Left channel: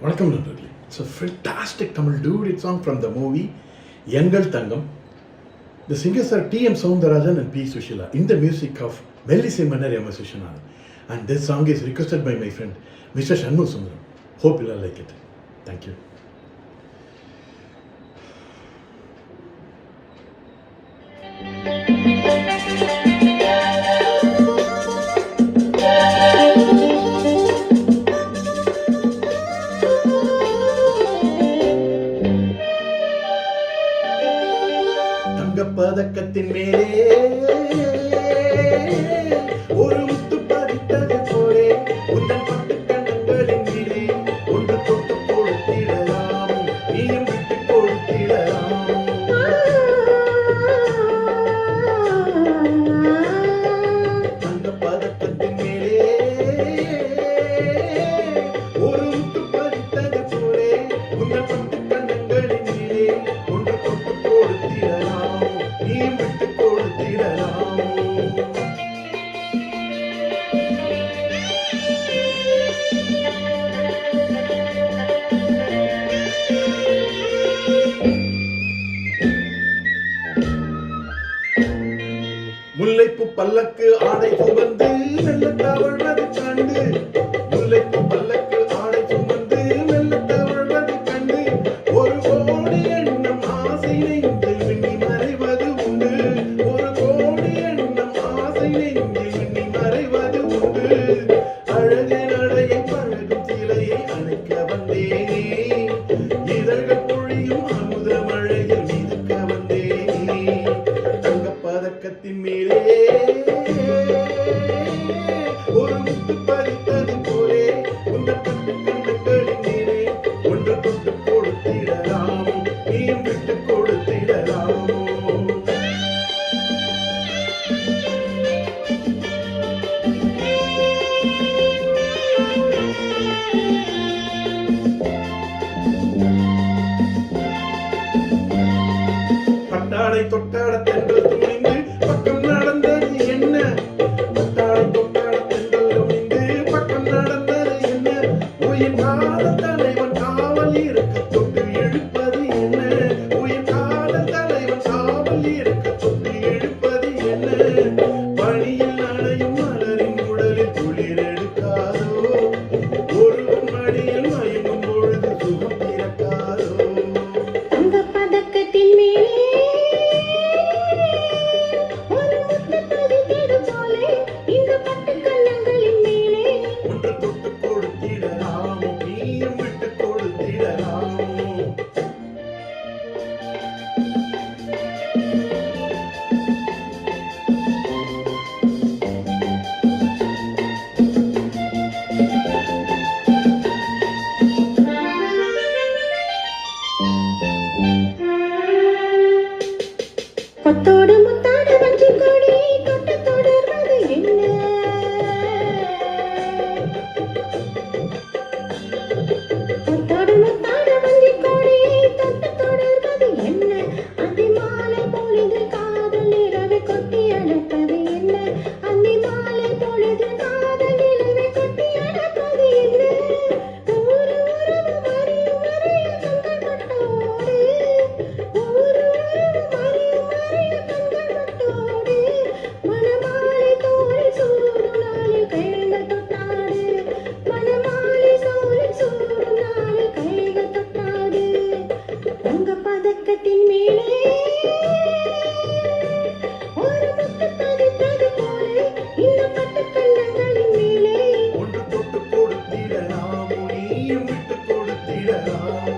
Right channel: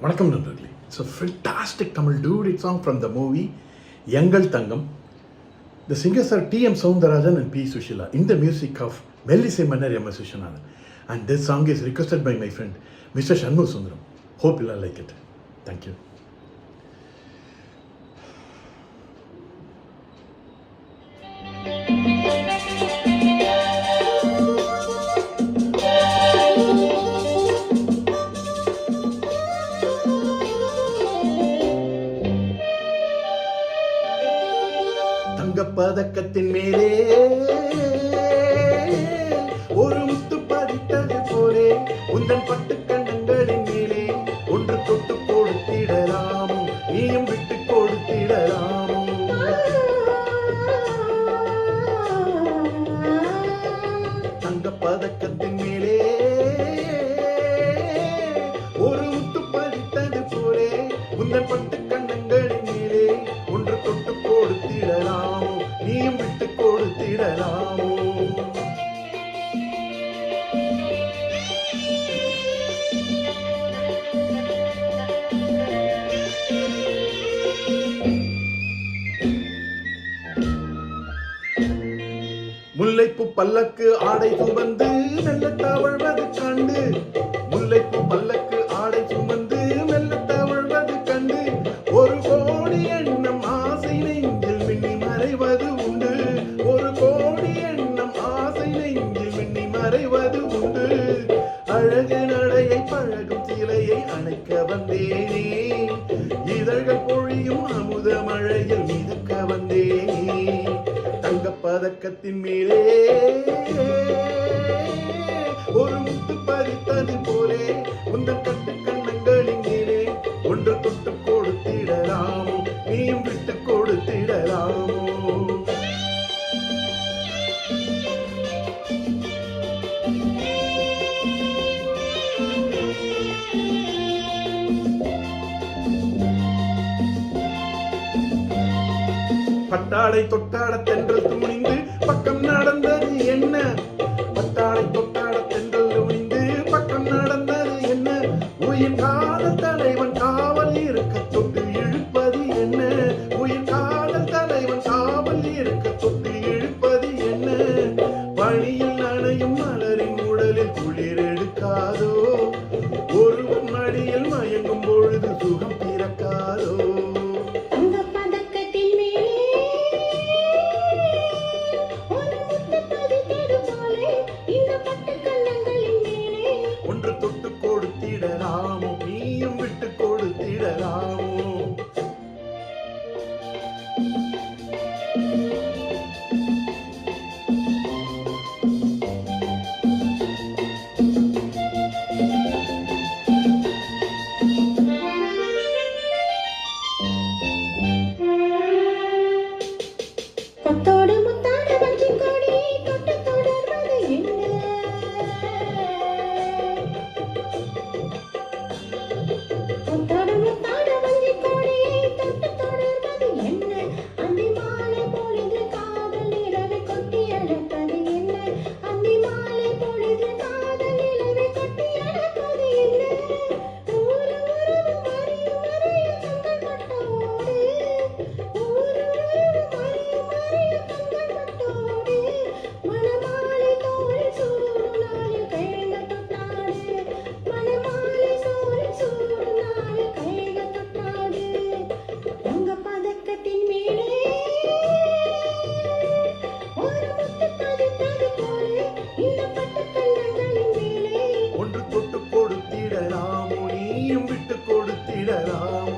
வணக்கம் நண்பர்களே. It's a fantastic Tamil duet song from the movie Yangal Thangam. The singers are T.M. Soundarajan and P. Sushila in the music of Mellisai Mannar M. S. Vishwanathan. And this song is requested by my friend Mr. Shannu Sundaram. Hope you all like it. Thank you. தங்கப்பதக்கத்தின் மேலே ஒரு முத்து பதித்தது போலே உந்தன் பட்டு கண்ணங்களின் மேலே ஒன்று தொட்டு கொடுத்திடலாமோ, நீயும் விட்டு கொடுத்திடலாமோ. தங்கப்பதக்கத்தின் மேலே ஒரு முத்து பதித்தது போலே உந்தன் பட்டு கண்ணங்களின் மேலே ஒன்று தொட்டு கொடுத்திடலாமோ, நீயும் விட்டு கொடுத்திடலாமோ. முல்லைப்பூ பல்லக்கு ஆடை சுமந்து மெல்ல தவழ்வது கண்டு, முல்லைப்பூ பல்லக்கு ஆடை சுமந்து மெல்ல தவழ்வது கண்டு, ஒரு கோடி எண்ணம் ஆசை நெஞ்சில் மின்னி மறைவது உண்டு, ஒரு கோடி எண்ணம் ஆசை நெஞ்சில் மின்னி மறைவது உண்டு. அழகு நடையை பழகும் சிலையை அணைக்க வந்தேனே, இதழ்கள் பொழியும் அமுத மழையில் மிதக்க வந்தேனே. தங்கப்பதக்கத்தின் மேலே ஒரு முத்து பதித்தது போலே உந்த கட்டு கண்ணங்களின் மேலே ஒன்று தொட்டு கொடுத்திடலாமோ, நீயும் விட்டு கொடுத்திடலாமோ. பட்டாடை தொட்டாட தென்றல் துணிந்து பக்கம் நடந்தது என்ன, பட்டாடை தொட்டாட தென்றல் துணிந்து பக்கம் நடந்தது என்ன, உயிர் காதல் தலைவன் காவல் இருக்க தொட்டு இழுப்பது என்ன, உயிர் காதல் தலைவன் காவல் இருக்க தொட்டு இழுப்பது என்ன. பணியில் நனையும் மலரின் உடலில் குளிர் எடுக்காதோ, ஒருவன் மடியில் மயங்கும் பொழுது சுகம் பிறக்காதோ. ஒன்று தொட்டு கொடுத்திடலாமோ, நீயும் விட்டு கொடுத்திடலாமோ. ஒன்று தொட்டு கொடுத்திடலாமோ, நீயும் விட்டு கொடுத்திடலாமோ.